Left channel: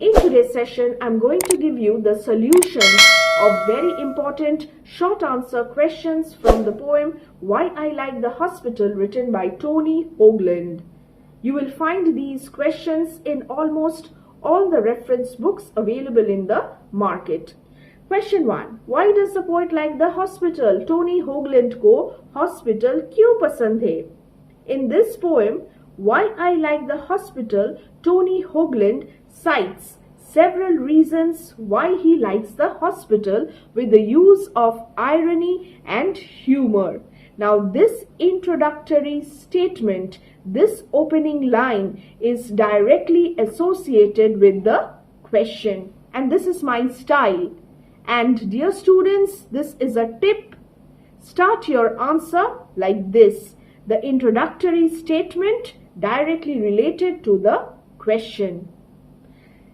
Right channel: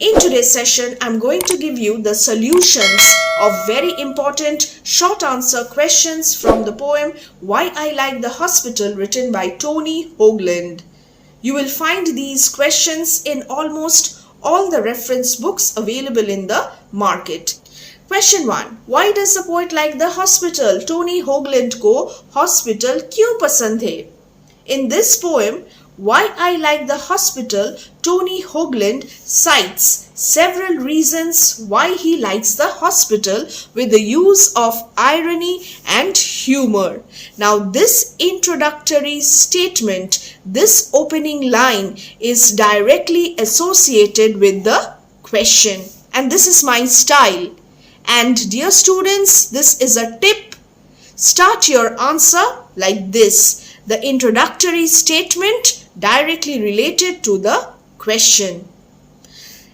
In today's session, I'm going to give you the solutions of very important short answer questions from the poem Why I Like the Hospital, written by Tony Hoagland. You will find these questions in almost all the reference books available in the market. Question 1. Why does the poet like the hospital? Tony Hoagland को hospital क्यों पसंद है? In this poem, Why I Like the Hospital, Tony Hoagland cites several reasons why he likes the hospital with the use of irony and humor. Now, this introductory statement, this opening line is directly associated with the question. And this is my style. And dear students, this is a tip. Start your answer like this. The introductory statement directly related to the question.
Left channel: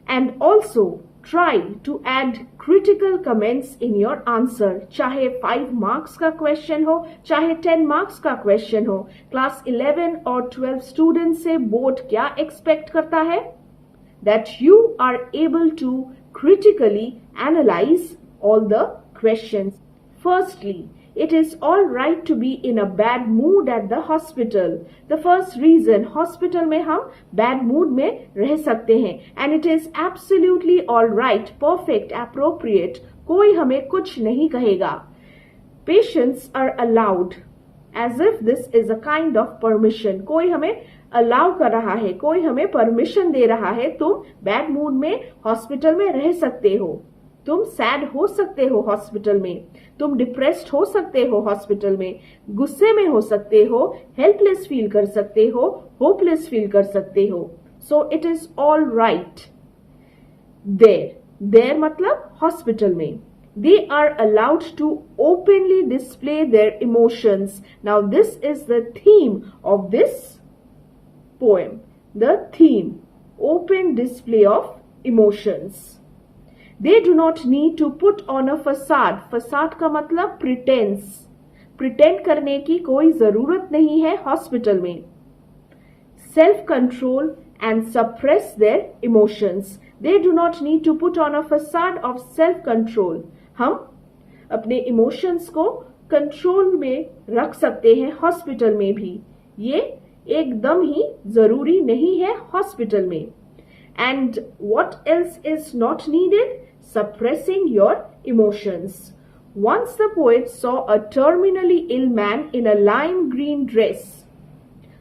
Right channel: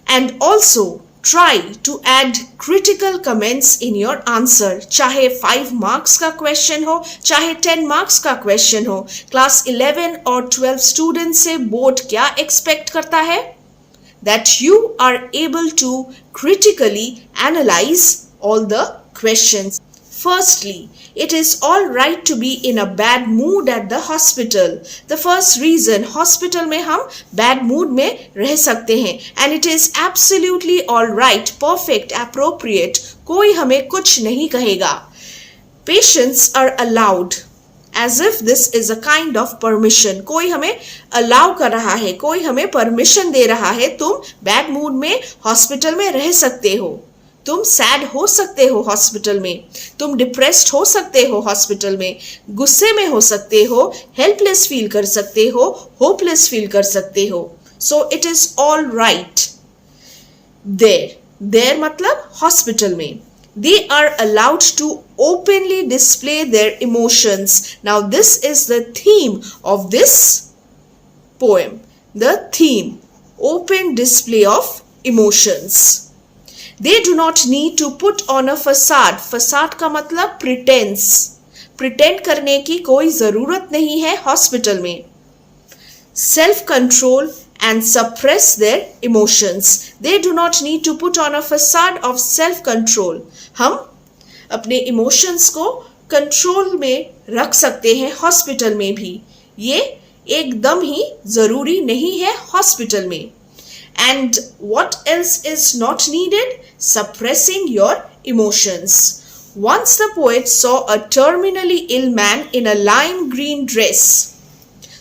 And also try to add critical comments in your answer. चाहे 5 marks का question हो, चाहे 10 marks का question हो. Class 11 और 12 students से board क्या expect करता है? That you are able to critically analyze all the questions. Firstly, it is all right to be in a bad mood at the hospital. The first reason, hospital में हम bad mood में रह सकते हैं. And it is absolutely all right, perfect, appropriate. कोई हमें कुछ नहीं कहेगा. Patients are allowed. As if this is a kind of permission. कोई हमें allow कर रहा है, कोई हमें permission दे रहा है. तुम bad mood में hospital में रह सकते हो. तुम सैड हो सकते हो हॉस्पिटल में, तुम डिप्रेस्ड हो सकते हो हॉस्पिटल में, गुस्से में हो सकते हो, हेल्पलेस फील कर सकते हो, होपलेस फील कर सकते हो. So it is all right there मतलब हॉस्पिटल में. They are allowed to openly display their emotions. Now this is the theme of this poem. The theme, open display of emotions. They do not need to put on a facade. Facade का मतलब pretense. Pretend करने की कोई ज़रूरत नहीं है hospital में. Self-control and suppress their emotions. They do not need to put on a facade of self-control. हम अपने emotions को control में रख सकते हैं हॉस्पिटल में भी. ये एकदम ही ज़रूरी नहीं है हॉस्पिटल में. And what else is not needed? Suppressing your emotions. Once the poet saw a terminally ill man in a lime green dress,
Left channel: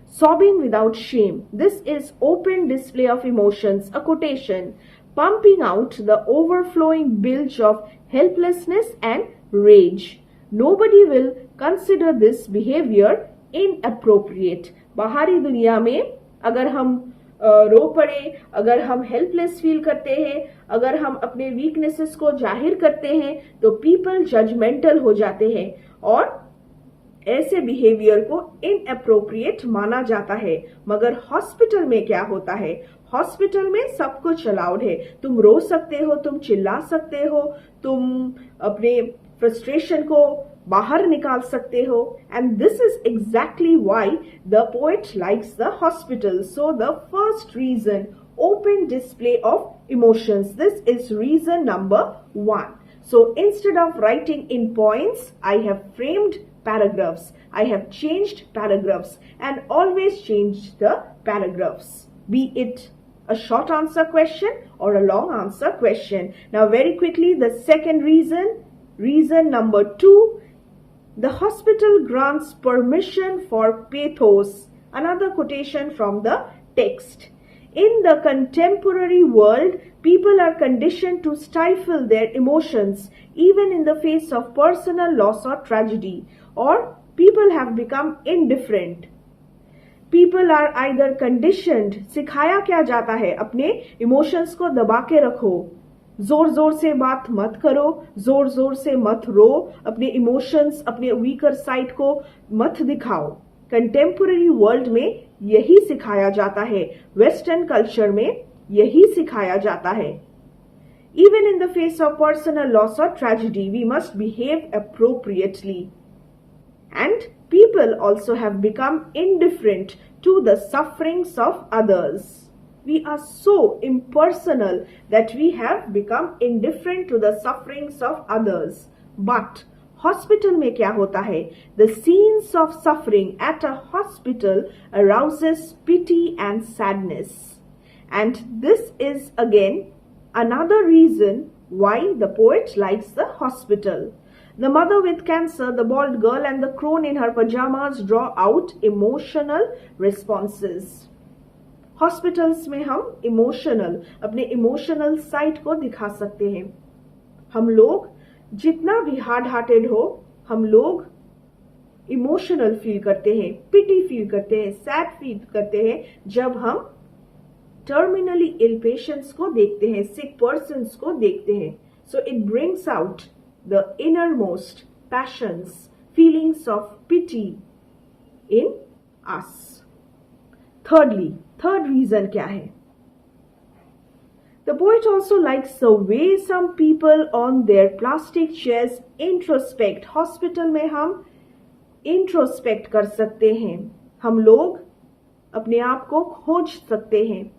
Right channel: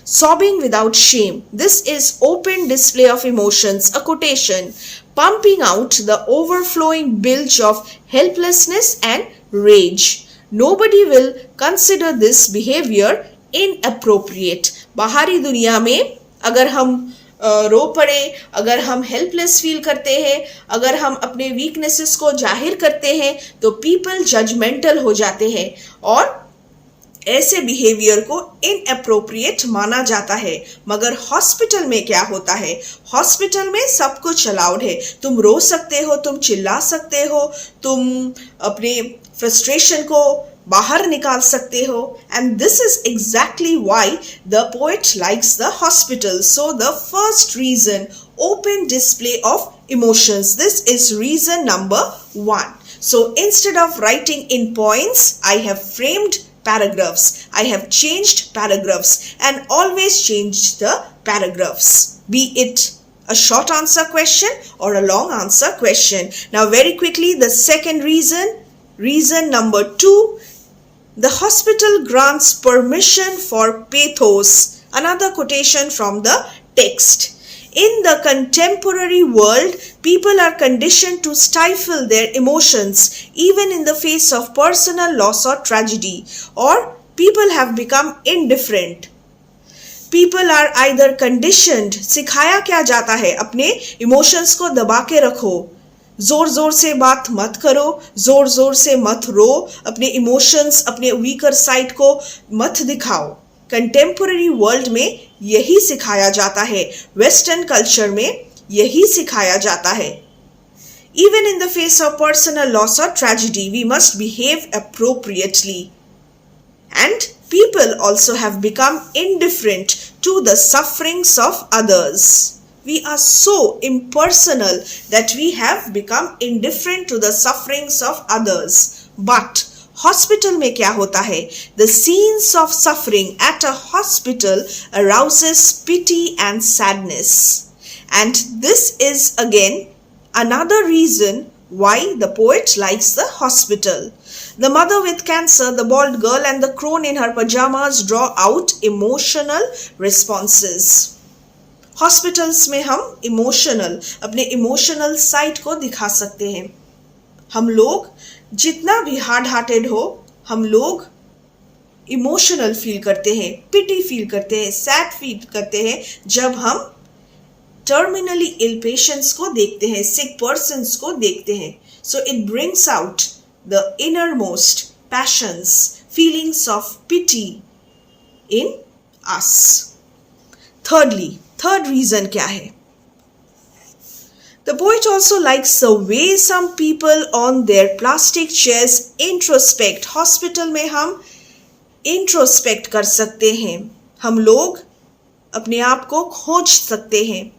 sobbing without shame. This is open display of emotions, a quotation, pumping out the overflowing bilge of helplessness and rage. Nobody will consider this behavior inappropriate. बाहरी दुनिया में अगर हम रो पड़े, अगर हम helpless feel करते हैं, अगर हम अपने वीकनेसेस को जाहिर करते हैं, तो पीपल जजमेंटल हो जाते हैं और ऐसे बिहेवियर को इनअप्रोप्रिएट माना जाता है. मगर हॉस्पिटल में क्या होता है? हॉस्पिटल में सब कुछ अलाउड है. तुम रो सकते हो, तुम चिल्ला सकते हो, तुम अपने फ्रस्ट्रेशन को बाहर निकाल सकते हो. And this is exactly why the poet likes the hospital. So the first reason, open display of emotions. This is reason number 1. So instead of writing in points, I have framed paragraphs. I have changed paragraphs and always change the paragraphs. Be it a short answer question or a long answer question. Now very quickly, the second reason number 2, the hospital grants permission for pathos. Another quotation from the text. In the contemporary world, people are conditioned to stifle their emotions even in the face of personal loss or tragedy, or people have become indifferent. People are either conditioned, सिखाया क्या जाता है, अपने emotions को दबा के रखो, जोर जोर से बात मत करो, जोर जोर से मत रो, अपने इमोशंस, अपने वीकर साइड को मत दिखाओ. कंटेम्पोररी वर्ल्ड में यही सिखाया जाता है, वेस्टर्न कल्चर में यही सिखाया जाता है. Even in the face of personal loss or tragedy, we must behave appropriately. And people also have become indifferent to the sufferings of others. We are so impersonal that we have become indifferent to the sufferings of others. But hospital में क्या होता है? The scenes of suffering at a hospital arouses pity and sadness. And this is again another reason why the poet likes the hospital. The mother with cancer, the bald girl, and the crone in her pajamas draw out emotional responses. Hospitals में हम emotional अपने emotional side को दिखा सकते हैं. हम लोग जितना भी हार्ड हार्टेड हो, हम लोग इमोशनल फील करते हैं, पिटी फील करते हैं, सैड फील करते हैं जब हम टर्मिनली इल पेशेंट्स को देखते हैं, सिक पर्सन्स को देखते हैं. So it brings out the inner most passions, feelings of pity in us. Third reason क्या है? The poet also likes the way some people on their plastic chairs introspect. Hospital में हम इंट्रोस्पेक्ट कर सकते हैं. हम लोग अपने आप को खोज सकते हैं.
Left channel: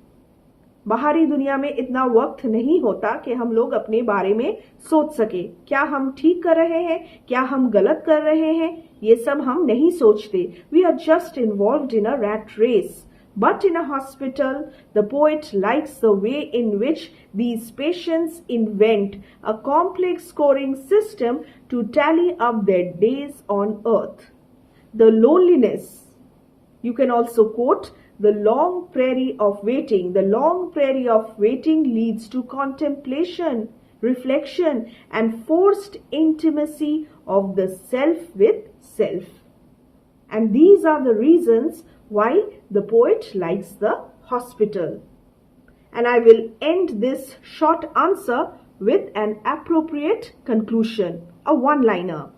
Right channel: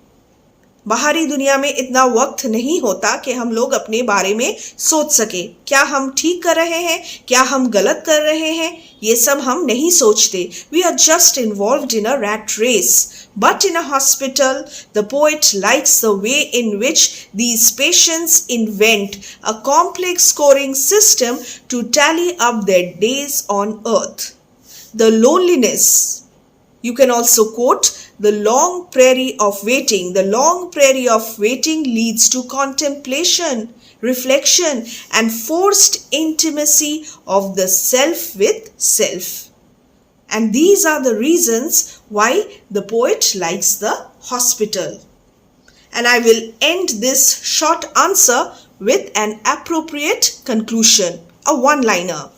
बाहरी दुनिया में इतना वक्त नहीं होता कि हम लोग अपने बारे में सोच सके. क्या हम ठीक कर रहे हैं, क्या हम गलत कर रहे हैं, ये सब हम नहीं सोचते. We are just involved in a rat race. But in a hospital, the poet likes the way in which these patients invent a complex scoring system to tally up their days on earth. The loneliness. You can also quote the long prairie of waiting. The long prairie of waiting leads to contemplation, reflection, and forced intimacy of the self with self. And these are the reasons why the poet likes the hospital. And I will end this short answer with an appropriate conclusion, a one-liner.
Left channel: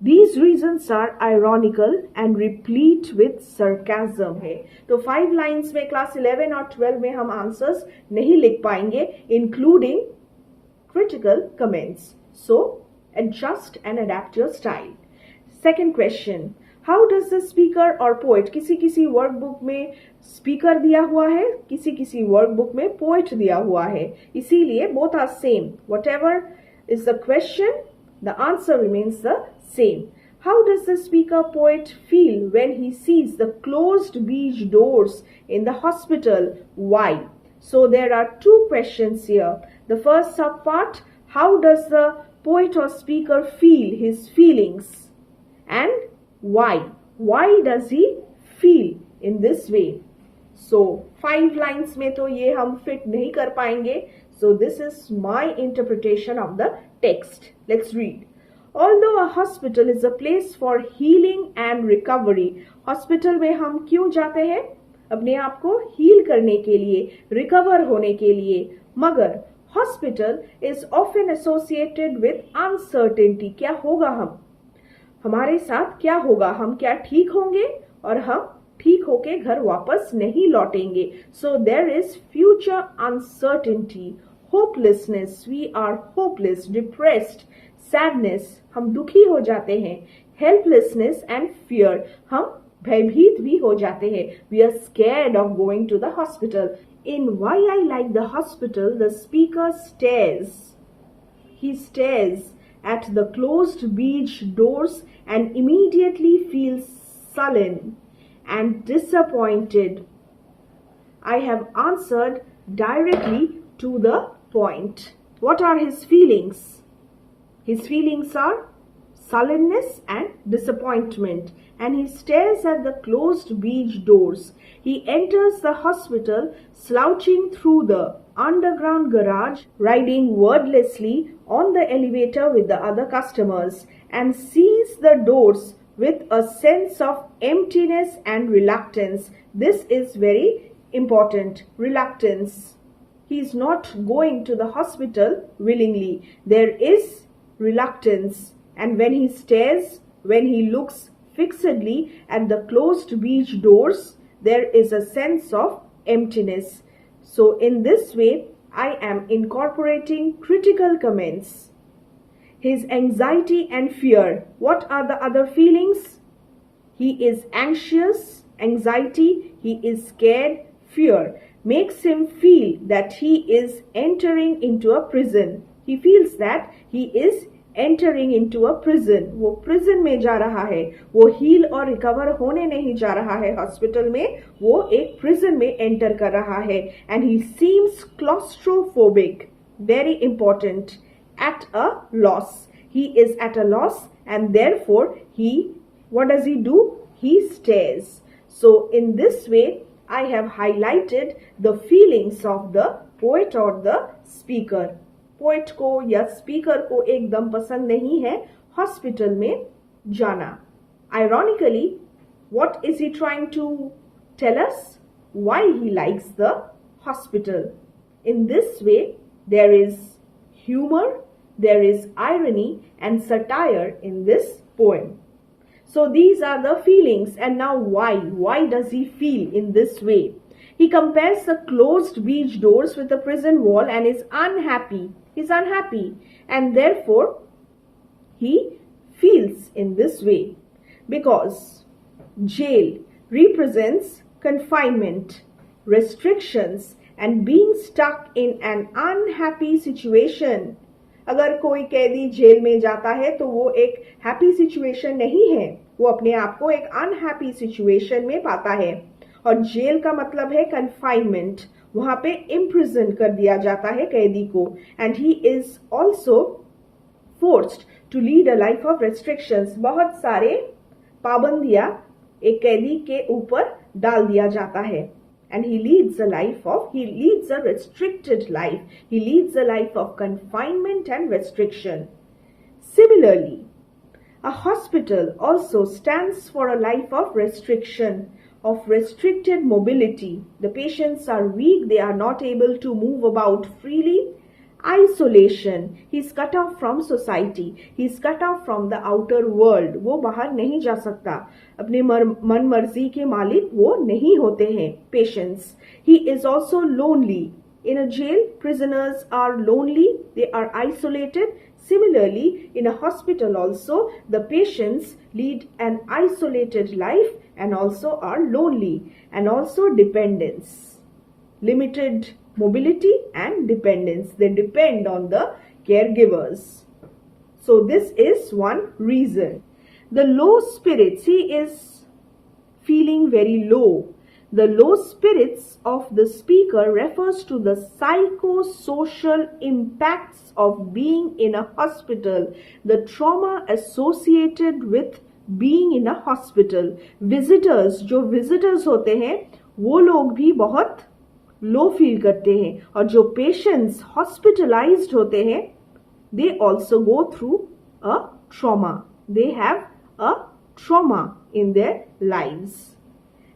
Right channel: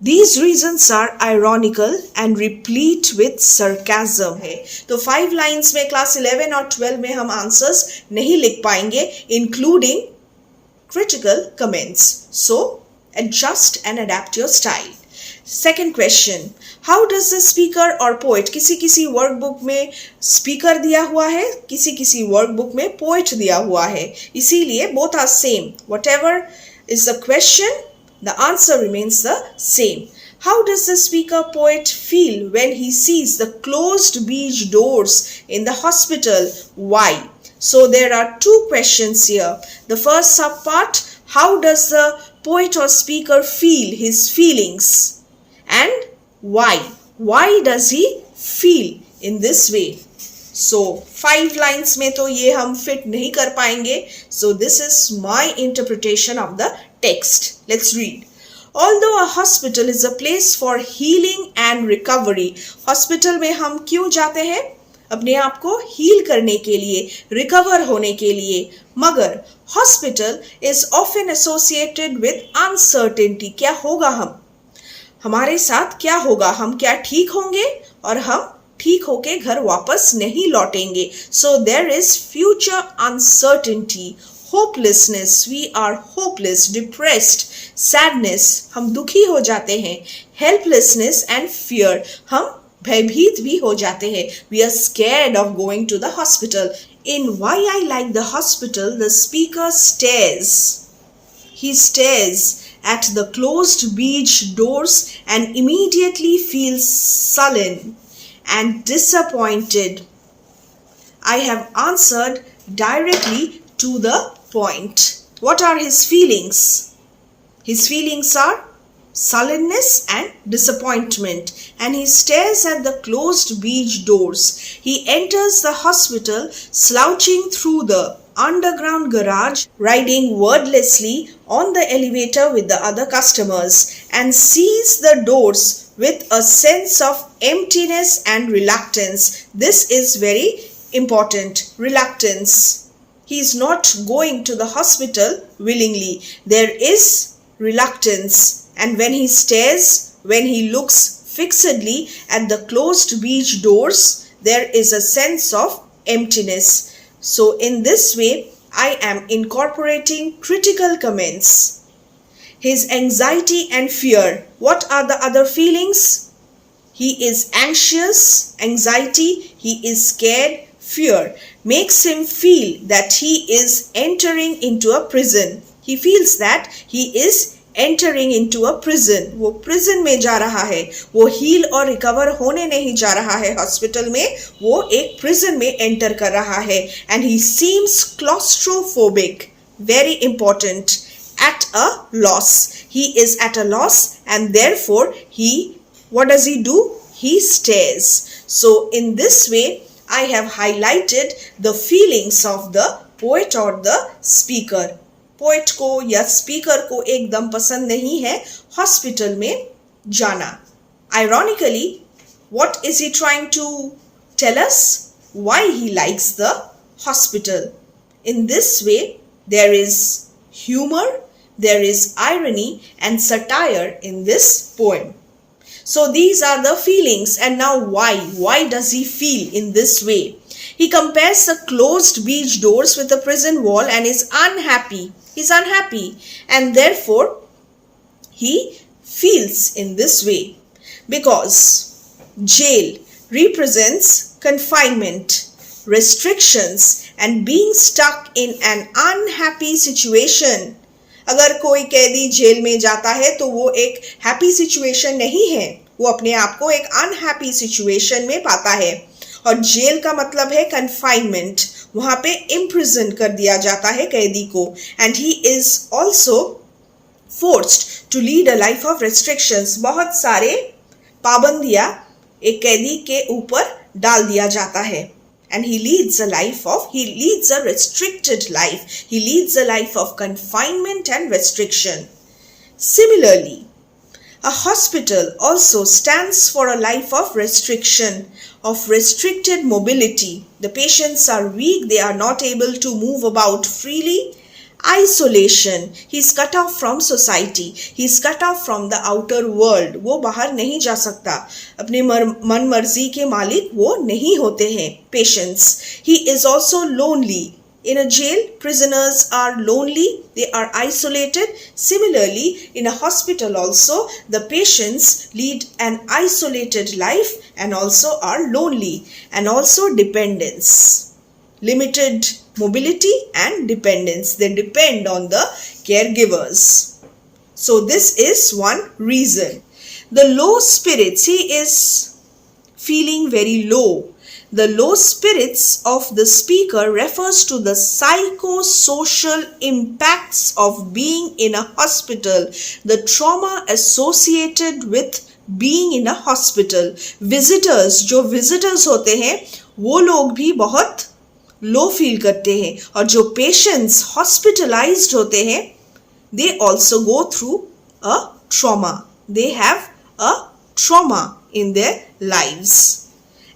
These reasons are ironical and replete with sarcasm है. तो 5 lines में class 11 और 12 में हम answers नहीं लिख पाएंगे, including critical comments. So adjust and adapt your style. Second question, how does the speaker or poet, किसी वर्कबुक में स्पीकर दिया हुआ है, किसी वर्कबुक में पोएट दिया हुआ है, इसीलिए both are same. Whatever is the question, the answer remains the same. How does the speaker poet feel when he sees the closed beach doors in the hospital? Why? So there are 2 questions here. The first subpart, how does the poet or speaker feel his feelings? And why? Why does he feel in this way? So 5 lines में तो ये हम fit नहीं कर पाएंगे. So this is my interpretation of the text. Let's read. Although a hospital is a place for healing and recovery. Hospital में हम क्यों जाते हैं? अपने आप को हील करने के लिए, रिकवर होने के लिए. मगर hospital is often associated with uncertainty. क्या होगा हमारे साथ क्या होगा? हम क्या ठीक होंगे और हम ठीक होके घर वापस नहीं लौटेंगे. So there is future uncertainty, hopelessness, we are hopeless, depressed, sadness, हम दुखी हो जाते हैं, हेल्पलेसनेस एंड फियर, हम भयभीत भी हो जाते हैं. We are scared of going to the hospital. In why I like the hospital, the speaker stares. He stares at the closed beach doors and immediately feels sullen and disappointed. I have answered directly to the point. What are his feelings? His feelings are sullenness and disappointment, and he stares at the closed beach doors. He enters the hospital slouching through the underground garage, riding wordlessly on the elevator with the other customers, and sees the doors with a sense of emptiness and reluctance. This is very important. Reluctance. He is not going to the hospital willingly. There is reluctance. And when he stares, when he looks fixedly at the closed beach doors, there is a sense of emptiness. So in this way, I am incorporating critical comments. His anxiety and fear. What are the other feelings? He is anxious, anxiety. He is scared, fear makes him feel that he is entering into a prison. He feels that he is entering into a prison. वो prison में जा रहा है, वो heal और recover होने नहीं जा रहा है hospital में, वो एक prison में enter कर रहा है. And he seems claustrophobic. Very important. At a loss. He is at a loss and therefore what does he do? He stares. So in this way, I have highlighted the feelings of the poet or the speaker. Poet को या speaker को एकदम पसंद नहीं है hospital में जाना. Ironically, what is he trying to tell us? Why he likes the hospital. In this way, there is humor, there is irony and satire in this poem. So these are the feelings, and now why? Why does he feel in this way? He compares the closed beach doors with the prison wall and is unhappy. He's unhappy and therefore he feels in this way because jail represents confinement, restrictions and being stuck in an unhappy situation. अगर कोई कैदी jail में जाता है तो वो एक happy situation नहीं है, वो अपने आप को एक अनहैप्पी सिचुएशन में पाता है. और जेल का मतलब है कन्फाइनमेंट, वहां पे इम्प्रिजन कर दिया जाता है कैदी को. And he is also forced to lead a life of restrictions. बहुत सारे पाबंदियां एक कैदी के ऊपर डाल दिया जाता है. And he leads a restricted life. He leads a life of confinement and restriction. Similarly, a hospital also stands for a life of restriction, of restricted mobility. The patients are weak, they are not able to move about freely. Isolation, he is cut off from society, he is cut off from the outer world. वो बाहर नहीं जा सकता, अपने मन मर्जी के मालिक वो नहीं होते हैं. Patients, he is also lonely. In a jail, prisoners are lonely, they are isolated. Similarly, in a hospital also, the patients lead an isolated life and also are lonely. And also dependence, limited mobility and dependence. They depend on the caregivers. So this is one reason. The low spirits, he is feeling very low. The low spirits of the speaker refers to the psychosocial impacts of being in a hospital, the trauma associated with being in a hospital. Visitors, जो visitors होते हैं वो लोग भी बहुत low feel करते हैं, और जो पेशेंट्स हॉस्पिटलाइज्ड होते हैं they also go through a trauma. They have a trauma in their lives.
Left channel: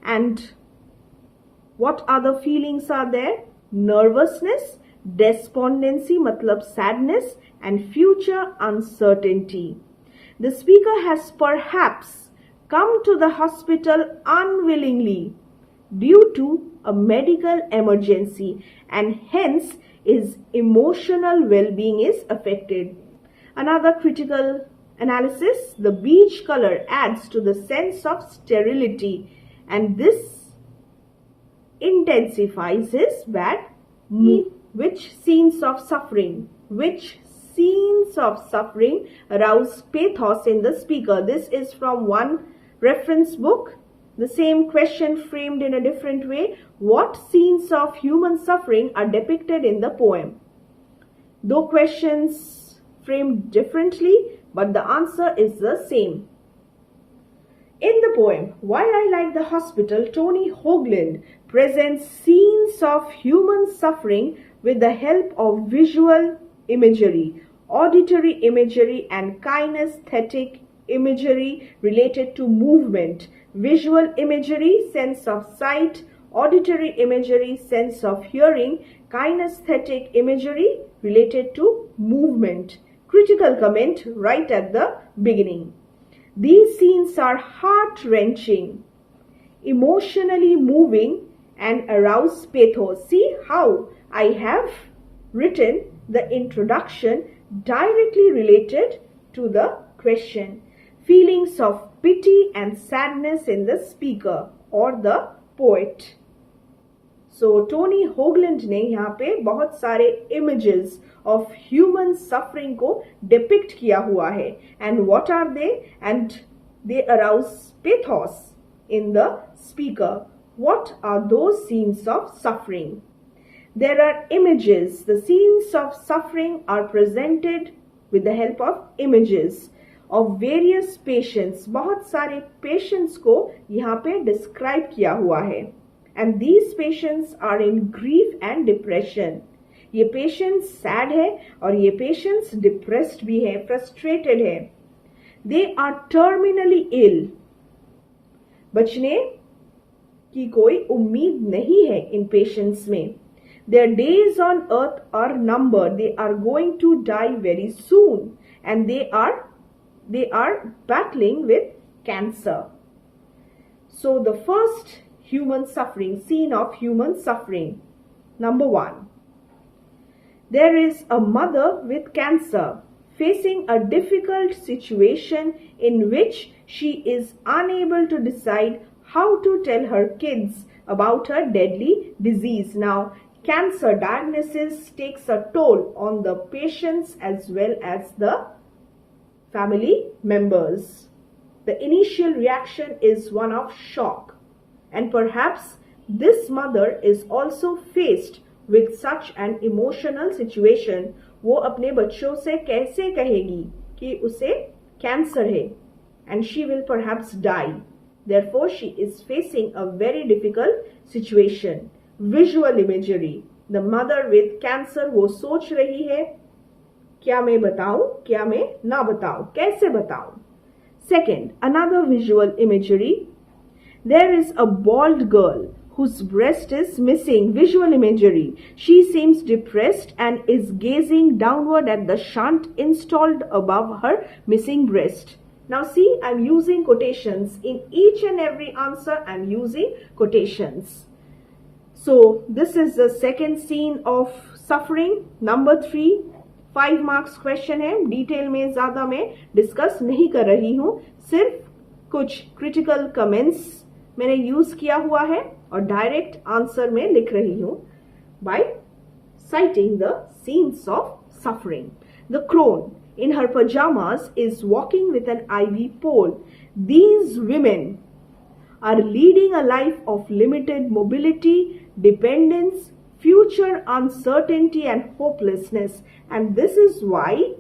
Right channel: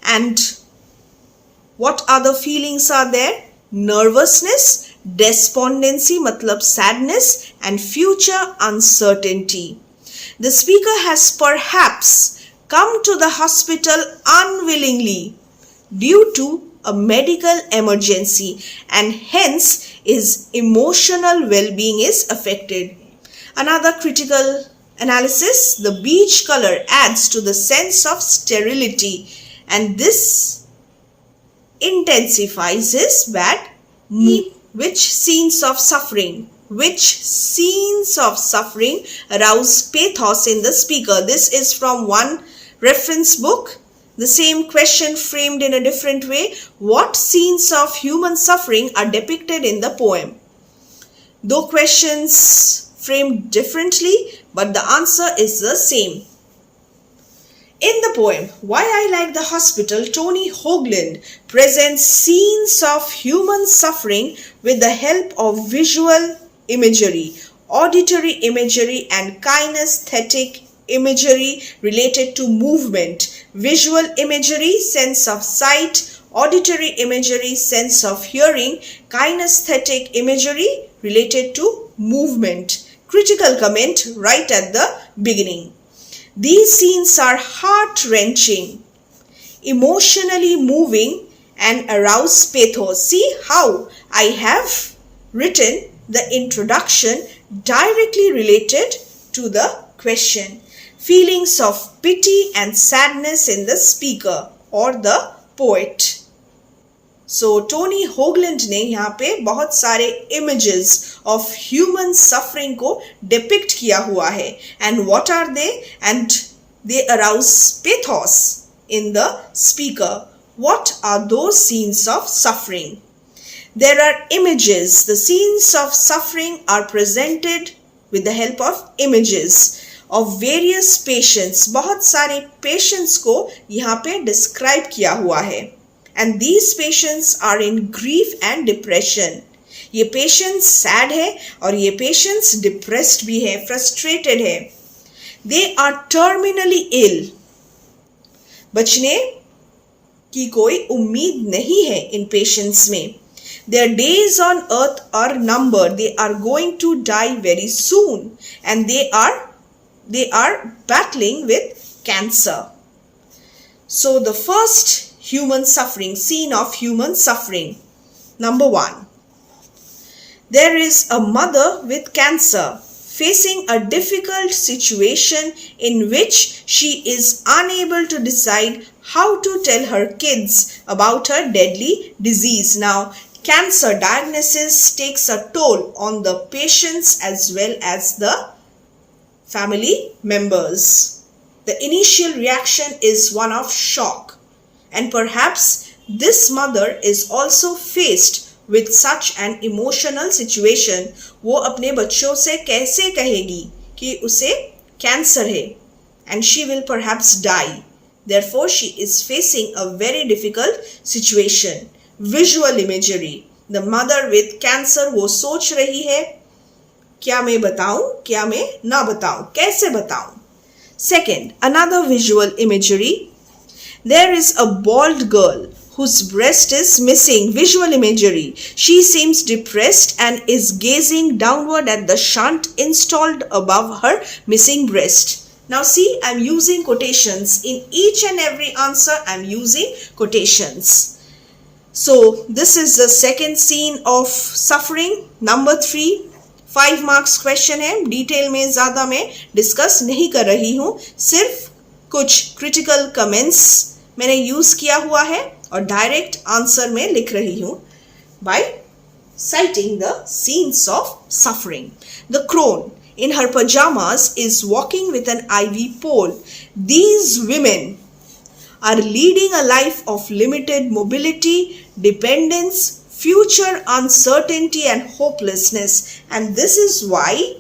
And what other feelings are there? Nervousness, despondency matlab sadness, and future uncertainty. The speaker has perhaps come to the hospital unwillingly due to a medical emergency, and hence his emotional well-being is affected. Another critical analysis, the beige color adds to the sense of sterility, and this intensifies his bad mood. Which scenes of suffering arouse pathos in the speaker? This is from one reference book. The same question framed in a different way. What scenes of human suffering are depicted in the poem? Though questions framed differently, but the answer is the same. In the poem, Why I Like the Hospital, Tony Hoagland presents scenes of human suffering with the help of visual imagery, auditory imagery, and kinesthetic imagery related to movement. Visual imagery, sense of sight; auditory imagery, sense of hearing; kinesthetic imagery related to movement. Critical comment right at the beginning. These scenes are heart-wrenching, emotionally moving, and arouse pathos. See how I have written the introduction directly related to the question. Feelings of pity and sadness in the speaker or the poet. So Tony Hoagland ने यहाँ पे बहुत सारे images of human suffering को depict किया हुआ है. And what are they? And they arouse pathos in the speaker. What are those scenes of suffering? There are images. The scenes of suffering are presented with the help of images of various patients. बहुत सारे patients को यहाँ पे describe किया हुआ है. And these patients are in grief and depression. ये patients sad है और ये patients depressed भी है, frustrated है. They are terminally ill. बचने की कोई उम्मीद नहीं है इन पेशेंट्स में. Their days on earth are numbered. They are going to die very soon, and they are battling with cancer. So the first human suffering, scene of human suffering. Number 1. There is a mother with cancer facing a difficult situation in which she is unable to decide how to tell her kids about her deadly disease. Now, cancer diagnosis takes a toll on the patients as well as the family members. The initial reaction is one of shock, and perhaps this mother is also faced with such an emotional situation. वो अपने बच्चों से कैसे कहेगी कि उसे cancer है, and she will perhaps die. Therefore, she is facing a very difficult situation. Visual imagery. The mother with cancer वो सोच रही है, क्या मैं बताऊं, क्या मैं ना बताऊं, कैसे बताऊं. Second, another visual imagery. There is a bald girl whose breast is missing. Visual imagery. She seems depressed and is gazing downward at the shunt installed above her missing breast. Now see, I'm using quotations. In each and every answer, I'm using quotations. So this is the second scene of suffering. Number 3, 5 marks question है. Detail में ज़्यादा मैं discuss नहीं कर रही हूँ, सिर्फ कुछ क्रिटिकल कमेंट्स मैंने यूज़ किया हुआ है और डायरेक्ट आंसर में लिख रही हूँ by citing the scenes of suffering. The crone in her pajamas is walking with an ivy pole. These women are leading a life of limited mobility, dependence, future uncertainty and hopelessness, and this is why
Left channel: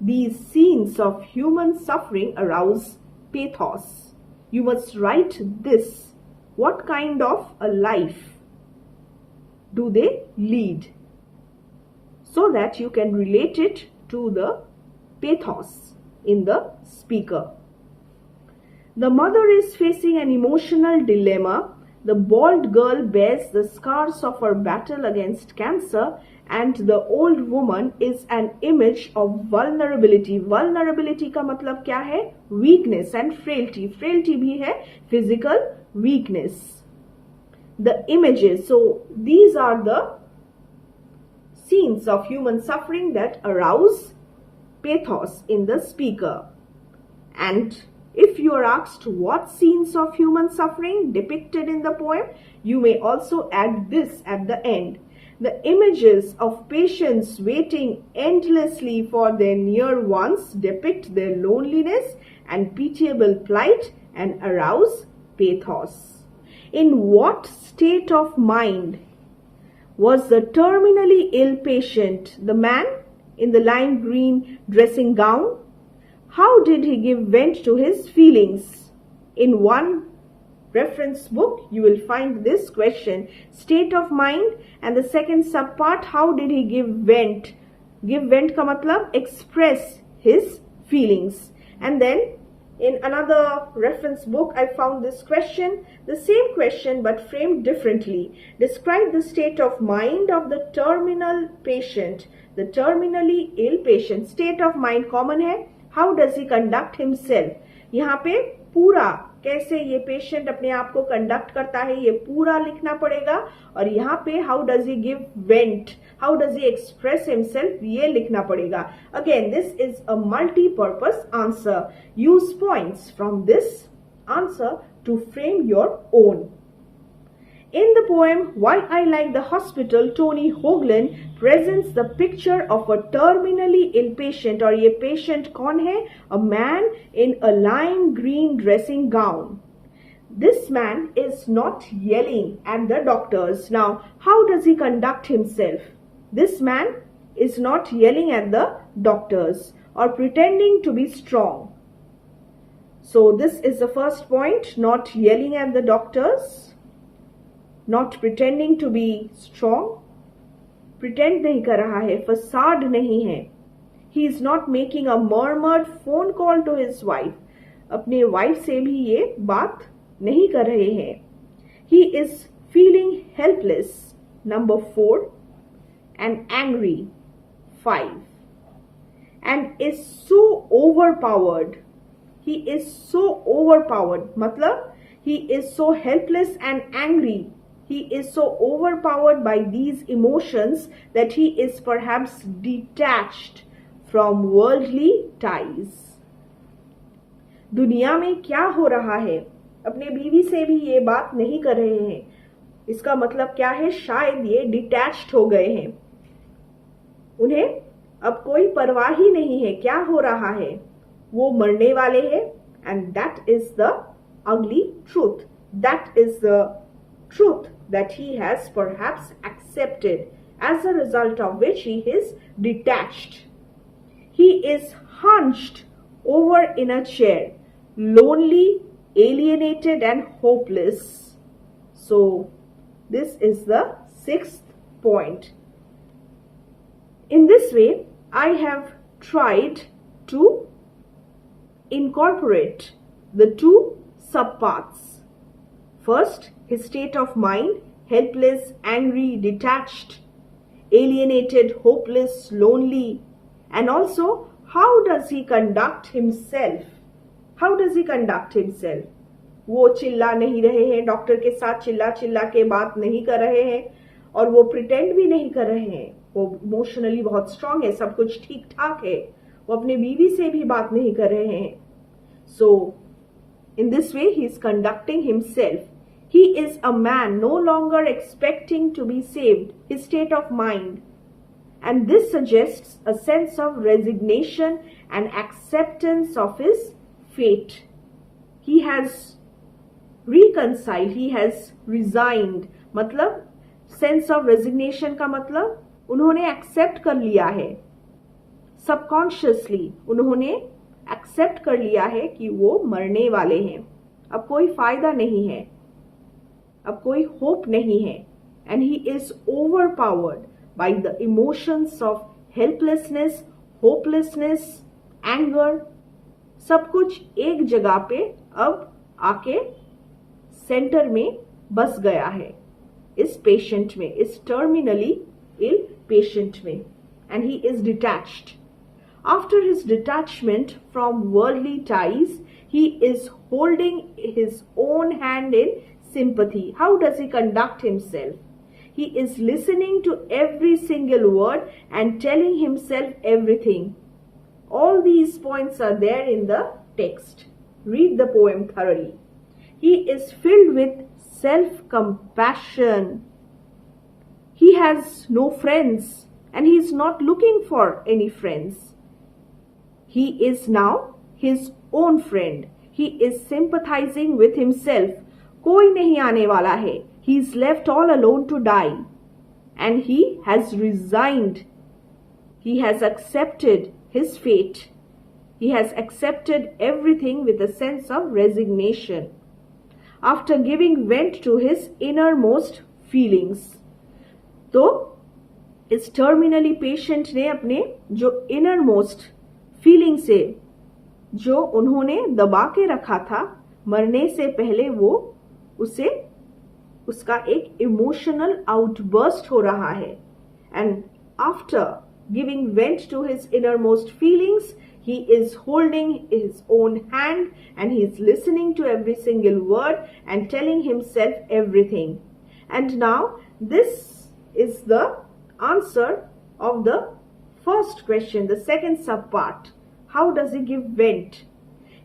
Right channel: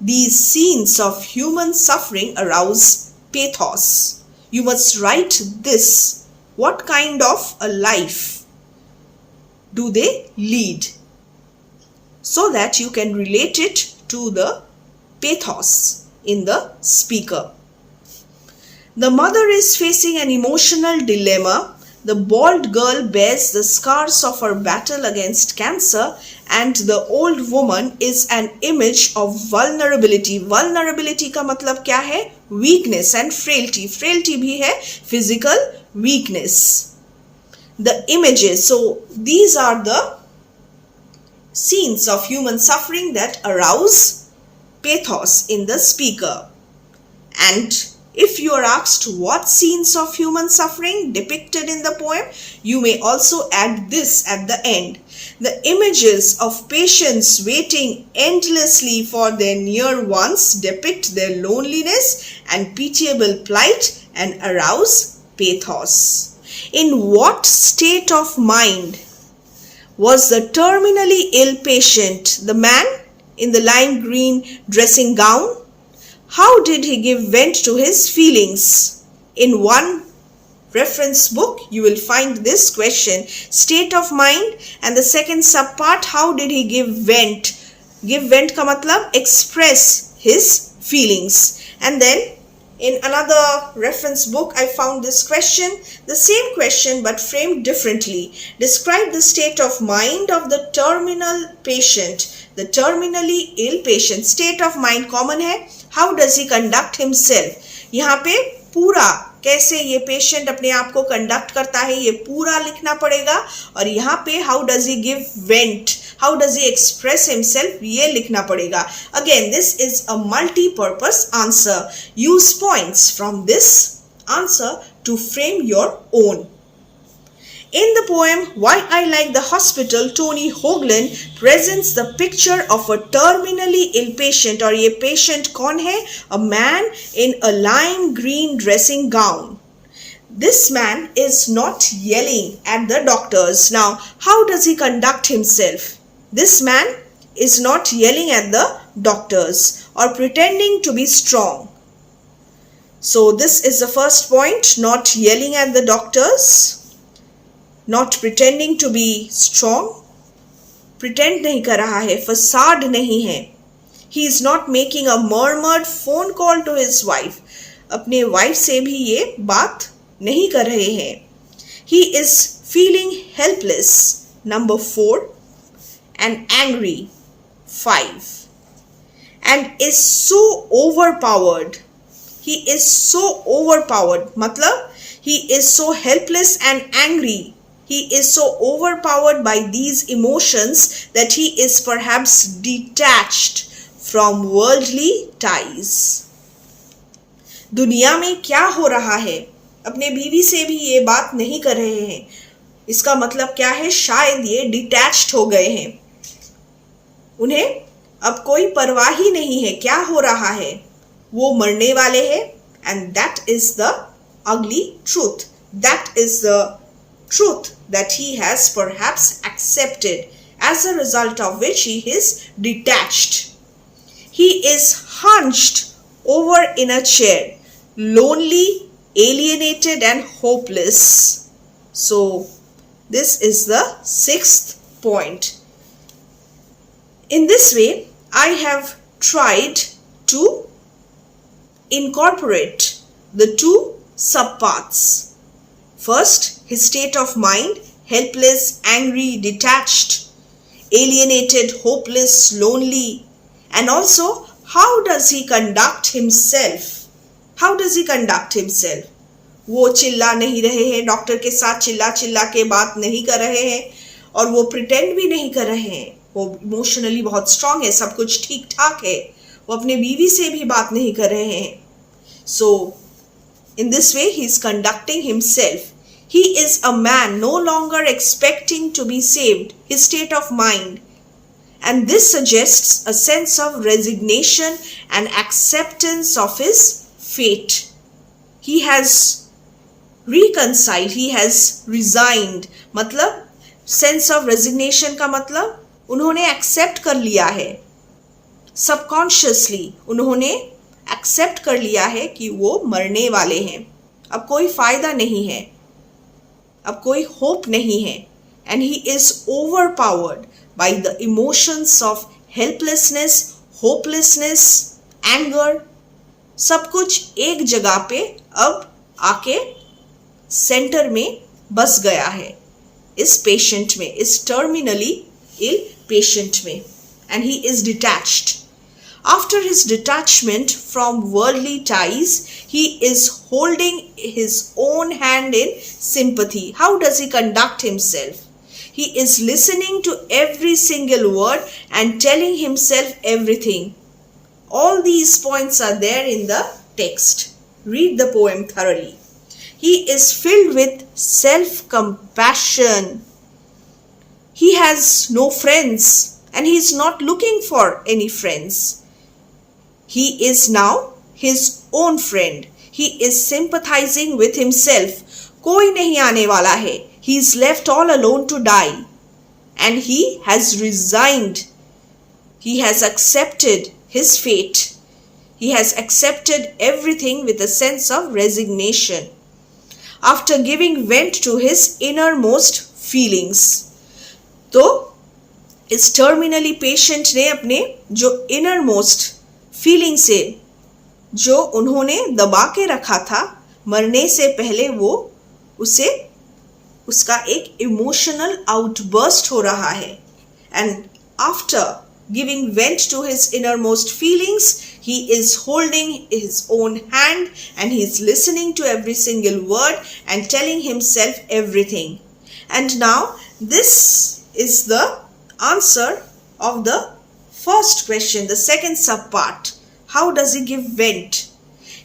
these scenes of human suffering arouse pathos. You must write this. What kind of a life do they lead, so that you can relate it to the pathos in the speaker. The mother is facing an emotional dilemma. The bald girl bears the scars of her battle against cancer, and the old woman is an image of vulnerability. Vulnerability का मतलब क्या है? Weakness and frailty. Frailty भी है physical weakness. The images. So these are the scenes of human suffering that arouse pathos in the speaker. And if you are asked what scenes of human suffering depicted in the poem, you may also add this at the end. The images of patients waiting endlessly for their near ones depict their loneliness and pitiable plight and arouse pathos. In what state of mind was the terminally ill patient, the man in the lime green dressing gown? How did he give vent to his feelings? In one reference book, you will find this question, state of mind, and the second subpart, how did he give vent? Give vent का मतलब express his feelings. And then in another reference book, I found this question, the same question but framed differently. Describe the state of mind of the terminal patient. The terminally ill patient. State of mind common है. How does he conduct himself? यहाँ पे पूरा कैसे ये patient अपने आप को conduct करता है ये पूरा लिखना पड़ेगा, और यहाँ पे how does he give vent, how does he express himself, ये लिखना पड़ेगा. Again this is a multipurpose answer. Use points from this answer to frame your own. In the poem Why I Like the Hospital, Tony Hoagland presents the picture of a terminally ill patient. और ये patient कौन है? A man in a lime green dressing gown. This man is not yelling at the doctors. Now, how does he conduct himself? This man is not yelling at the doctors or pretending to be strong. So this is the first point, not yelling at the doctors. Not pretending to be strong. Pretend नहीं कर रहा है, facade नहीं है. He is not making a murmured phone call to his wife. अपने wife से भी ये बात नहीं कर रहे हैं. He is feeling helpless. Number 4. And angry. 5. And is so overpowered. He is so overpowered. मतलब he is so helpless and angry. He is so overpowered by these emotions that he is perhaps detached from worldly ties. दुनिया में क्या हो रहा है? अपने बीवी से भी ये बात नहीं कर रहे हैं. इसका मतलब क्या है? शायद ये डिटैच्ड हो गए हैं. उन्हें अब कोई परवाह ही नहीं है क्या हो रहा है. वो मरने वाले हैं. And that is the ugly truth. That is the truth that he has perhaps accepted, as a result of which he is detached. He is hunched over in a chair, lonely, alienated and hopeless. So this is the 6th point. In this way, I have tried to incorporate the 2 subparts. First, his state of mind, helpless, angry, detached, alienated, hopeless, lonely. And also, how does he conduct himself? How does he conduct himself? वो चिल्ला नहीं रहे हैं, doctor के साथ चिल्ला चिल्ला के बात नहीं कर रहे हैं और वो प्रिटेंड भी नहीं कर रहे हैं. वो इमोशनली बहुत स्ट्रांग है, सब कुछ ठीक ठाक है. वो अपने बीवी से भी बात नहीं कर रहे हैं. So, in this way, he is conducting himself. He is a man no longer expecting to be saved, his state of mind. And this suggests a sense of resignation and acceptance of his fate. He has reconciled, he has resigned. मतलब sense of resignation का मतलब उन्होंने accept कर लिया है. Subconsciously उन्होंने accept कर लिया है कि वो मरने वाले हैं. अब कोई फायदा नहीं है. अब कोई होप नहीं है. And he is overpowered by the emotions of helplessness, hopelessness, anger. सब कुछ एक जगह पे अब आके सेंटर में बस गया है इस पेशेंट में, इस टर्मिनली इल पेशेंट में. And he is detached. After his detachment from worldly ties, he is holding his own hand in sympathy. How does he conduct himself? He is listening to every single word and telling himself everything. All these points are there in the text. Read the poem thoroughly. He is filled with self-compassion. He has no friends and he is not looking for any friends. He is now his own friend. He is sympathizing with himself. कोई नहीं आने वाला है. He is left all alone to die. And he has resigned. He has accepted his fate. He has accepted everything with a sense of resignation. After giving vent to his innermost feelings. तो इस terminally patient ने अपने जो innermost feeling से जो उन्होंने दबा के रखा था मरने से पहले, वो उसे उसका एक इमोशनल आउटबर्स्ट हो रहा है. And after giving vent to his innermost feelings, he is holding his own hand and he is listening to every single word and telling himself everything. And now this is the answer of the first question, the second subpart. How does he give vent?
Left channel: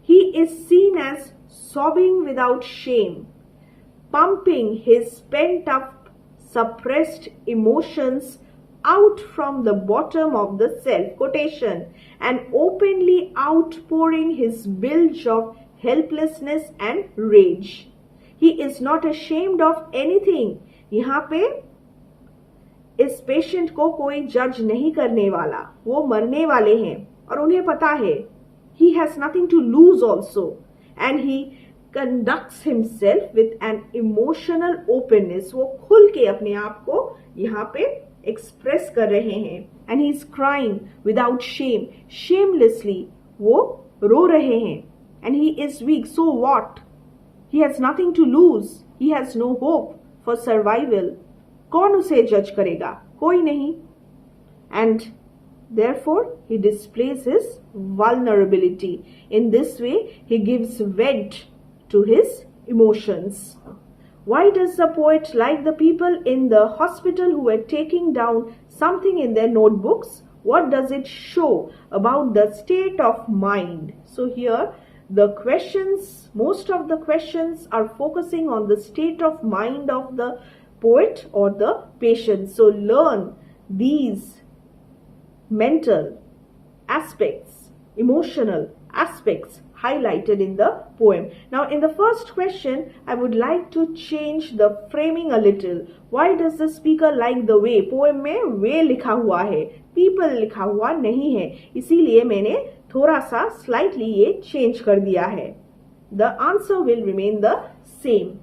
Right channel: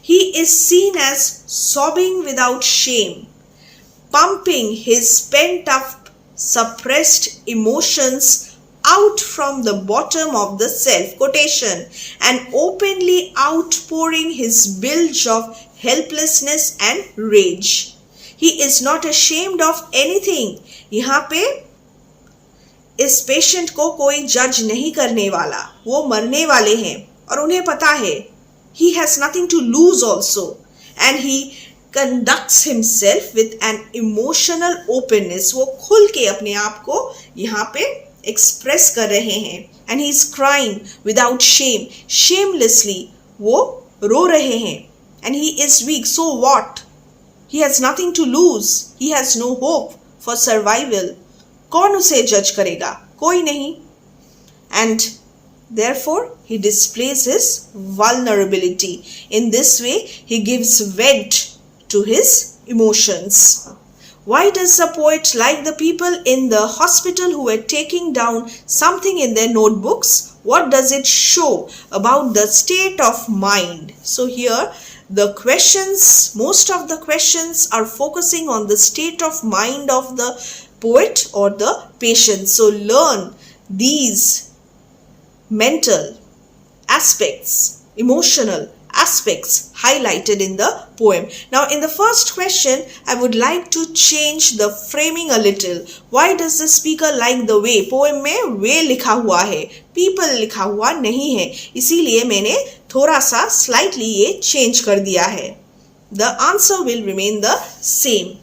He is seen as sobbing without shame. pumping his pent-up, suppressed emotions out from the bottom of the self quotation and openly outpouring his bilge of helplessness and rage. He is not ashamed of anything. यहाँ पे इस patient को कोई जज नहीं करने वाला, वो मरने वाले हैं और उन्हें पता है. He has nothing to lose also, and he conducts himself with an emotional openness. वो खुल के अपने आप को यहाँ पे एक्सप्रेस कर रहे हैं. And he is crying without shame, shamelessly. वो रो रहे हैं. And he is weak. So what? He has nothing to lose. He has no hope for survival. कौन उसे जज करेगा? कोई नहीं. And therefore, he displays his vulnerability. In this way, he gives vent to his emotions. Why does the poet like the people in the hospital who were taking down something in their notebooks? What does it show about the state of mind? So here, the questions, most of the questions are focusing on the state of mind of the poet or the patient. So learn these mental aspects, emotional aspects highlighted in the poem. Now in the first question, I would like to change the framing a little. Why does the speaker like the way? Poem में way लिखा हुआ है, people लिखा हुआ नहीं है, इसीलिए मैंने थोड़ा सा slightly ये change कर दिया है. The answer will remain the same.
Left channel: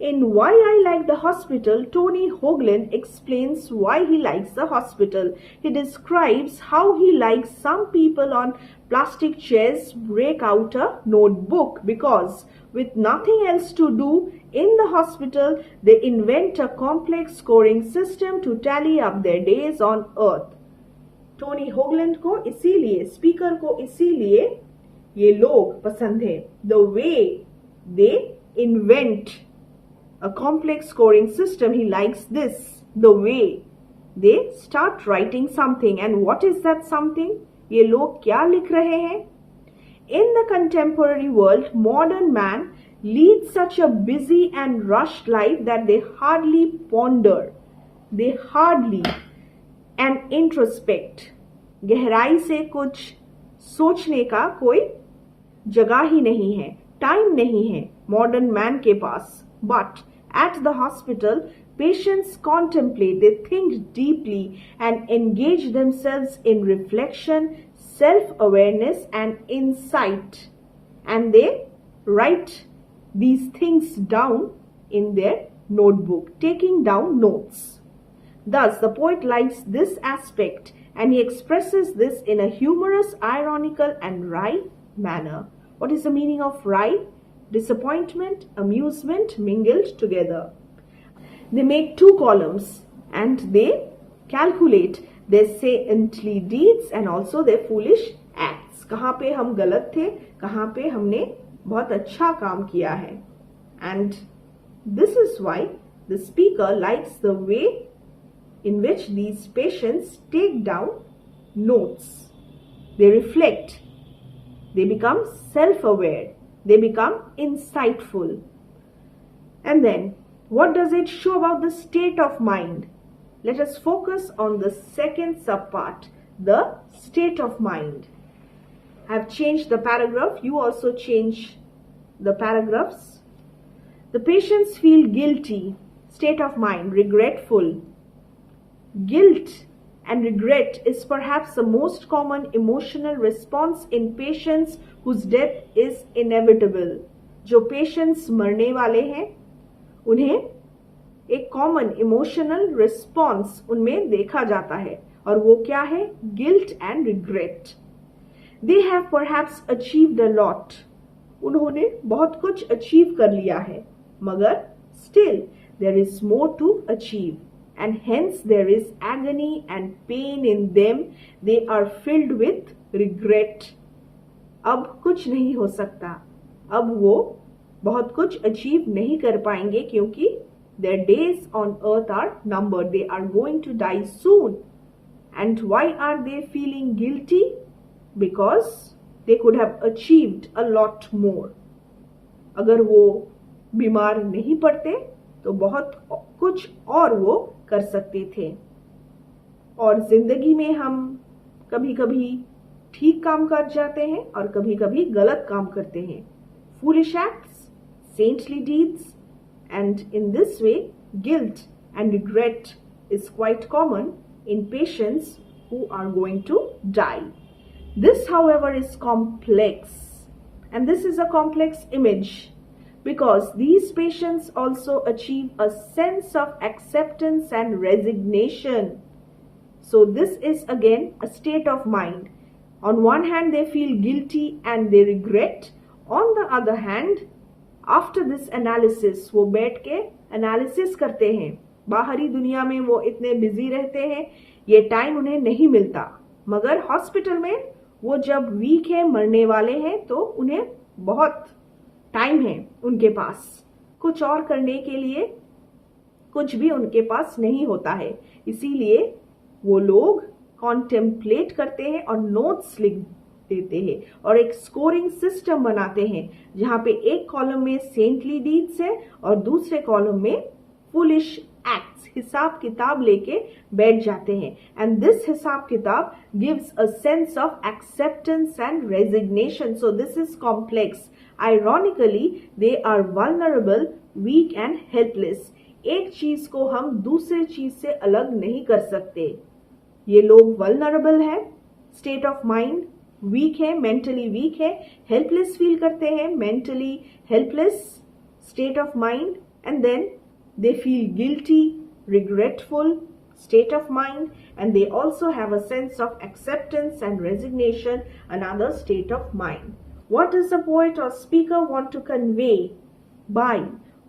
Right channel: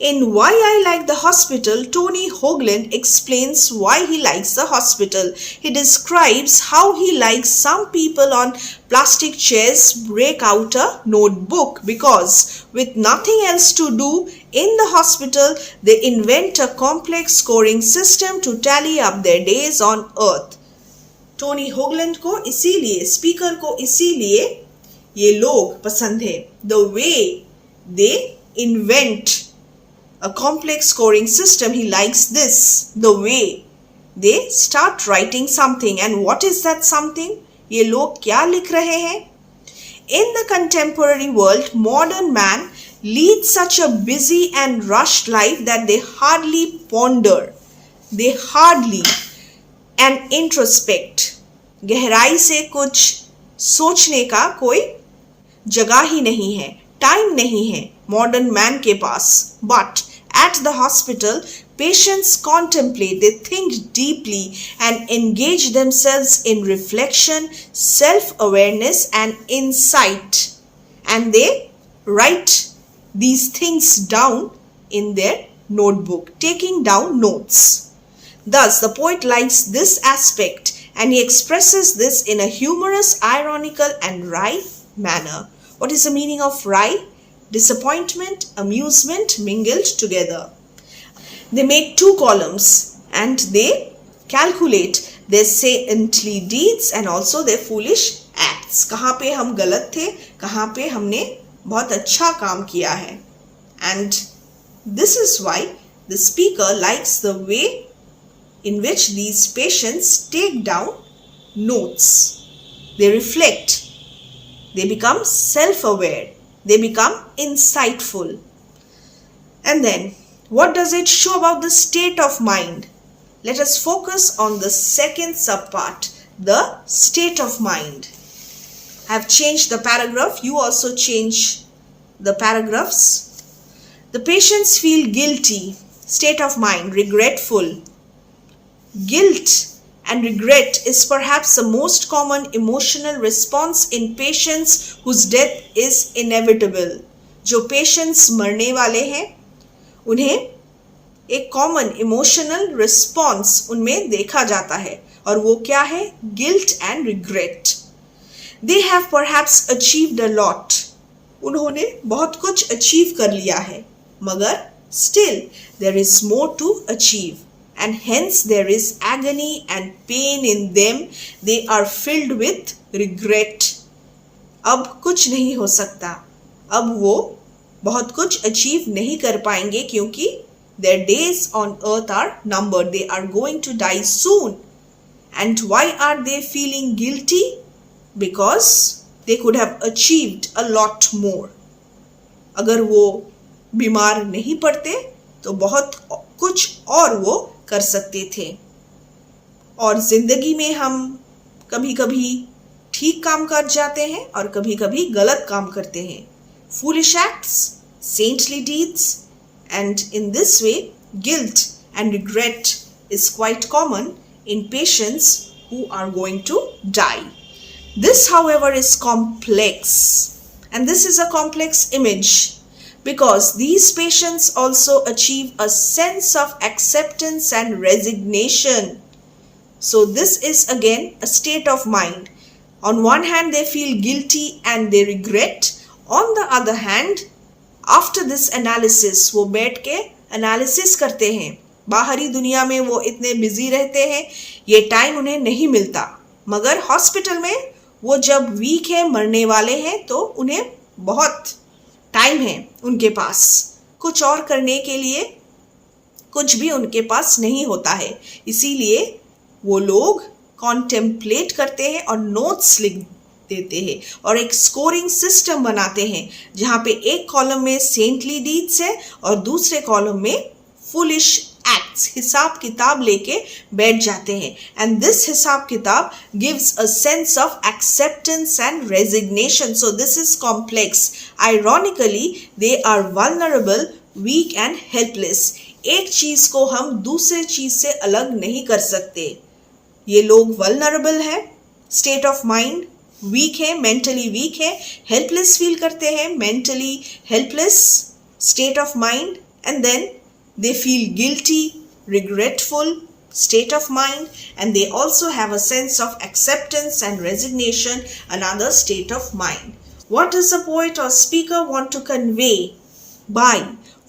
In Why I Like the Hospital, Tony Hoagland explains why he likes the hospital. He describes how he likes some people on plastic chairs break out a notebook because with nothing else to do in the hospital, they invent a complex scoring system to tally up their days on earth. Tony Hoagland को इसीलिए, speaker को इसीलिए ये लोग पसंद है. The way they invent a complex scoring system, he likes this. The way they start writing something. And what is that something? ये लोग क्या लिख रहे हैं? In the contemporary world, modern man leads such a busy and rushed life that they hardly ponder. They hardly and introspect. गहराई से कुछ सोचने का कोई जगह ही नहीं है, टाइम नहीं है मॉडर्न मैन के पास. But at the hospital, patients contemplate, they think deeply and engage themselves in reflection, self-awareness and insight. And they write these things down in their notebook, taking down notes. Thus, the poet likes this aspect and he expresses this in a humorous, ironical and wry manner. What is the meaning of wry? Disappointment, amusement mingled together. They make two columns and they calculate their saintly deeds and also their foolish acts. कहाँ पे हम गलत थे, कहाँ पे हमने बहुत अच्छा काम किया है. And this is why the speaker likes the way in which these patients take down notes. They reflect. They become self-aware. They become insightful. And then, what does it show about the state of mind? Let us focus on the second subpart, the state of mind. I have changed the paragraph. You also change the paragraphs. The patients feel guilty, state of mind, regretful. Guilt and regret is perhaps the most common emotional response in patients whose death is inevitable. जो patients मरने वाले हैं, उन्हें एक common emotional response उनमें देखा जाता है और वो क्या है? Guilt and regret. They have perhaps achieved a lot. उन्होंने बहुत कुछ achieve कर लिया है, मगर still there is more to achieve. And hence there is agony and pain in them. They are filled with regret. अब कुछ नहीं हो सकता. अब वो बहुत कुछ achieve नहीं कर पाएंगे क्योंकि their days on earth are numbered. They are going to die soon. And why are they feeling guilty? Because they could have achieved a lot more. अगर वो बीमार नहीं पड़ते तो बहुत कुछ और वो कर सकते थे। और जिंदगी में हम कभी कभी ठीक काम कर जाते हैं और कभी कभी गलत काम करते हैं। Foolish acts, saintly deeds, and in this way, guilt and regret is quite common in patients who are going to die. This, however, is complex, and this is a complex image because these patients also achieve a sense of acceptance and resignation. So this is again a state of mind. On one hand, they feel guilty and they regret. On the other hand, after this analysis, वो बैठ के analysis करते हैं। बाहरी दुनिया में वो इतने बिजी रहते हैं, ये टाइम उन्हें नहीं मिलता। मगर हॉस्पिटल में वो जब वीक है, मरने वाले हैं, तो उन्हें बहुत टाइम है उनके पास। कुछ और करने के लिए कुछ भी उनके पास नहीं होता है। इसीलिए वो लोग कॉन्टेम्पलेट करते हैं और नोट्स लिख देते हैं और एक स्कोरिंग सिस्टम बनाते हैं जहाँ पे एक कॉलम में सेंटली डीड्स है और दूसरे कॉलम में फुलिश एक्ट्स। हिसाब किताब लेके बैठ जाते हैं एंड दिस हिसाब किताब gives a sense of acceptance and resignation. So this is complex. Ironically they are vulnerable, weak and helpless. एक चीज को हम दूसरे चीज से अलग नहीं कर सकते। ये लोग वल्नरेबल है, स्टेट ऑफ माइंड वीक है, मेंटली वीक है, हेल्पलेस फील करते हैं, mentally helpless state of mind, and then they feel guilty, regretful state of mind, and they also have a sense of acceptance and resignation, another state of mind. What does the poet or speaker want to convey by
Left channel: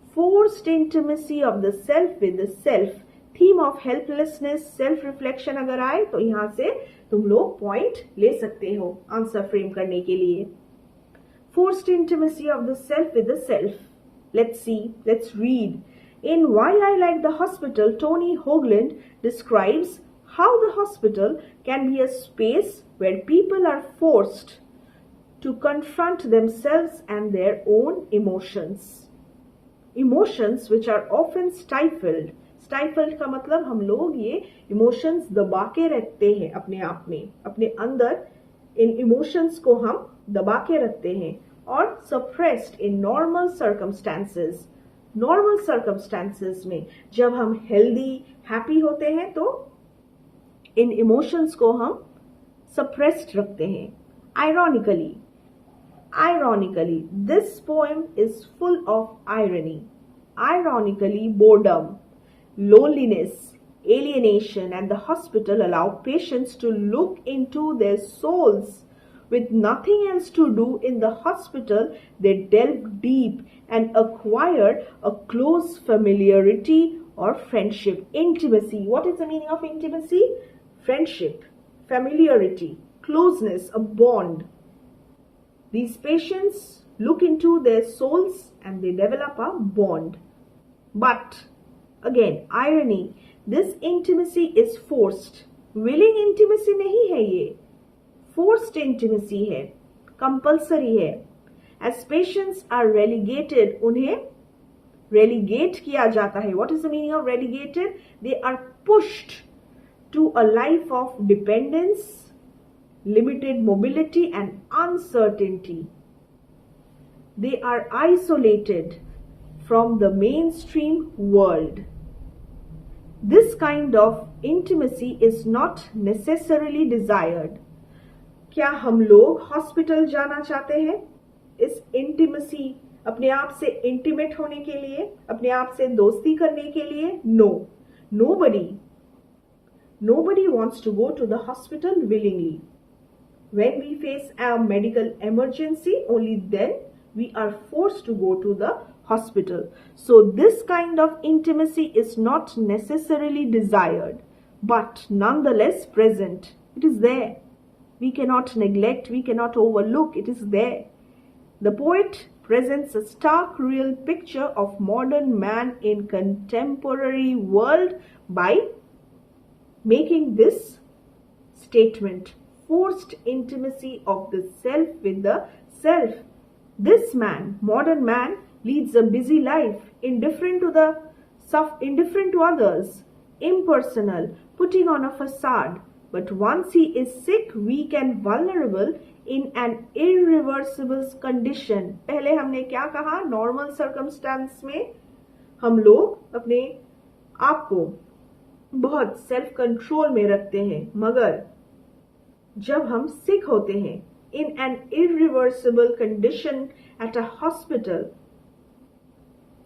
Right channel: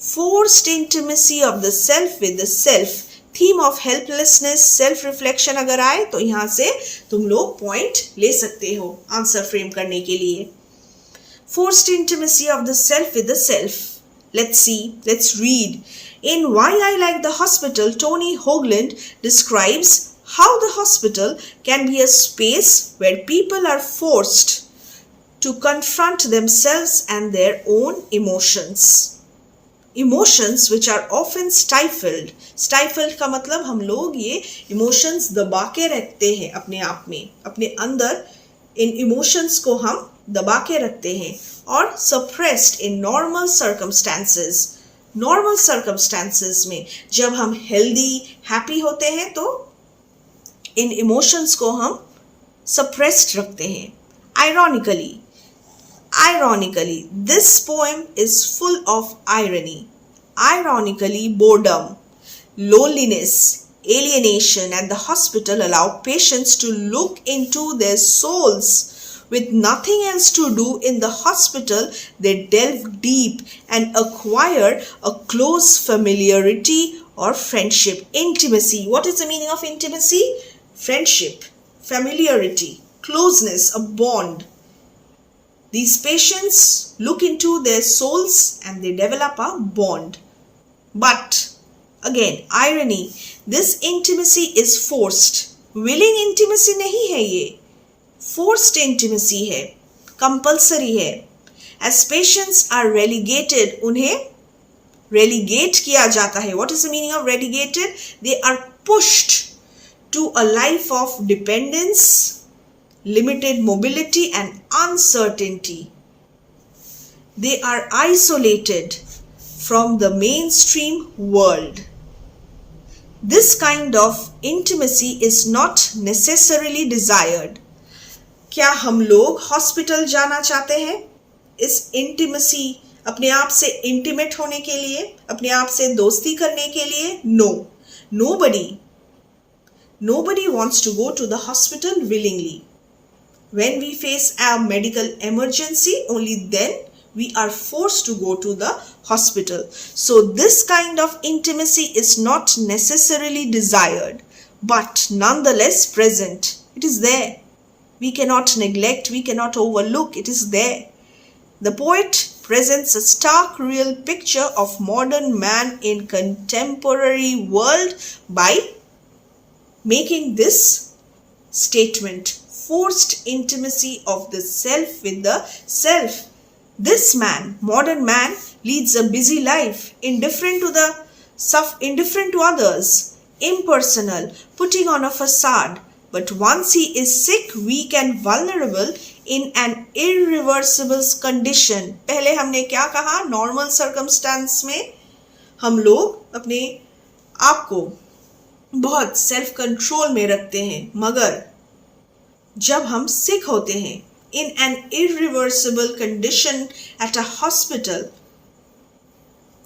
forced intimacy of the self with the self? Theme of helplessness, self reflection अगर आए तो यहाँ से तुम लोग point ले सकते हो आंसर फ्रेम करने के लिए। Forced intimacy of the self with the self. Let's read. In Why I Like the Hospital, Tony Hoagland describes how the hospital can be a space where people are forced to confront themselves and their own emotions. Emotions which are often stifled. Stifled का मतलब हम लोग ये emotions दबा के रखते हैं अपने आप में, अपने अंदर इन emotions को हम दबा के रखते हैं, और suppressed in normal circumstances. Normal circumstances में जब हम हेल्दी हैप्पी होते हैं तो इन इमोशंस को हम सप्रेस्ड रखते हैं। Ironically, this poem is full of irony. Ironically, boredom, loneliness, alienation at the hospital allow patients to look into their souls. With nothing else to do in the hospital, they delve deep and acquire a close familiarity or friendship. Intimacy. What is the meaning of intimacy? Friendship, familiarity, closeness, a bond. These patients look into their souls and they develop a bond. But, again, irony, this intimacy is forced. Willing intimacy नहीं है ये, forced intimacy है, compulsory है. As patients are relegated, उन्हें relegate किया जाता है. What is the meaning of relegated? They are pushed to a life of dependence, limited mobility and uncertainty. They are isolated from the mainstream world. This kind of intimacy is not necessarily desired. क्या हम लोग hospital जाना चाहते हैं इस intimacy, अपने आप से इंटीमेट होने के लिए, अपने आप से दोस्ती करने के लिए? No, nobody wants to go to the hospital willingly. When we face a medical emergency, only then we are forced to go to the hospital. So this kind of intimacy is not necessarily desired, but nonetheless present. It is there. We cannot neglect, we cannot overlook, it is there. The poet presents a stark real picture of modern man in contemporary world by making this statement, forced intimacy of the self with the self. This man, modern man, leads a busy life, indifferent to others, impersonal, putting on a facade. But once he is sick, weak and vulnerable in an irreversible condition. पहले हमने क्या कहा? Normal circumstance में हम लोग अपने आप को बहुत सेल्फ कंट्रोल में रखते हैं, मगर जब हम सिक होते हैं, in an irreversible condition at a hospital,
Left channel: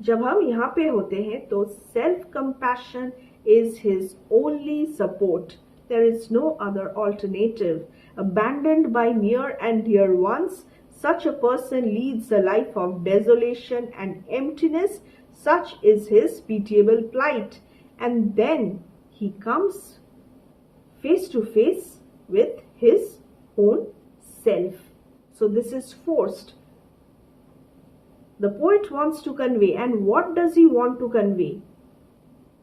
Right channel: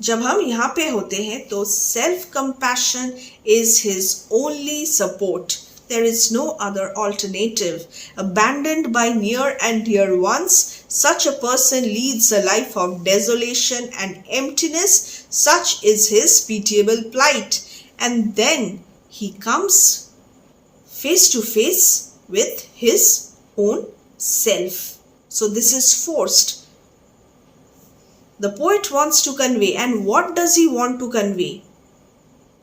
जब हम यहाँ पे होते हैं तो self compassion is his only support. There is no other alternative. Abandoned by near and dear ones, such a person leads a life of desolation and emptiness. Such is his pitiable plight. And then he comes face to face with his own self. So this is forced. The poet wants to convey, and what does he want to convey?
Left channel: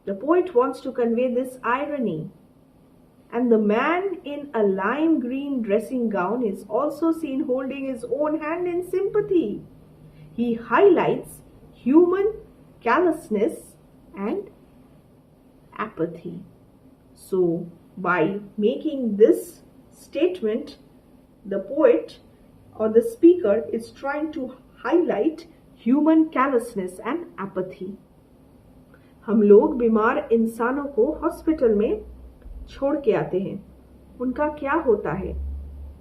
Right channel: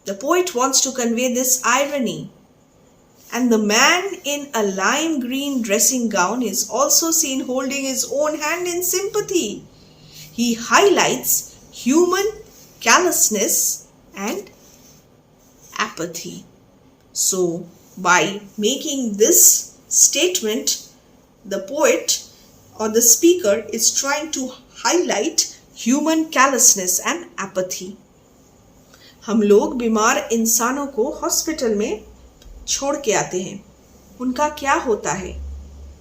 The poet wants to convey this irony. And the man in a lime green dressing gown is also seen holding his own hand in sympathy. He highlights human callousness and apathy. So, by making this statement, the poet or the speaker is trying to highlight human callousness and apathy. हम लोग बीमार इंसानों को hospital में छोड़ के आते हैं, उनका क्या होता है,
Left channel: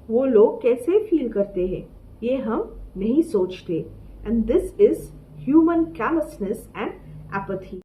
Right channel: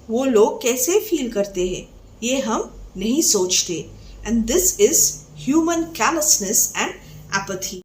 वो लोग कैसे फील करते हैं, ये हम नहीं सोचते. And this is human callousness and apathy.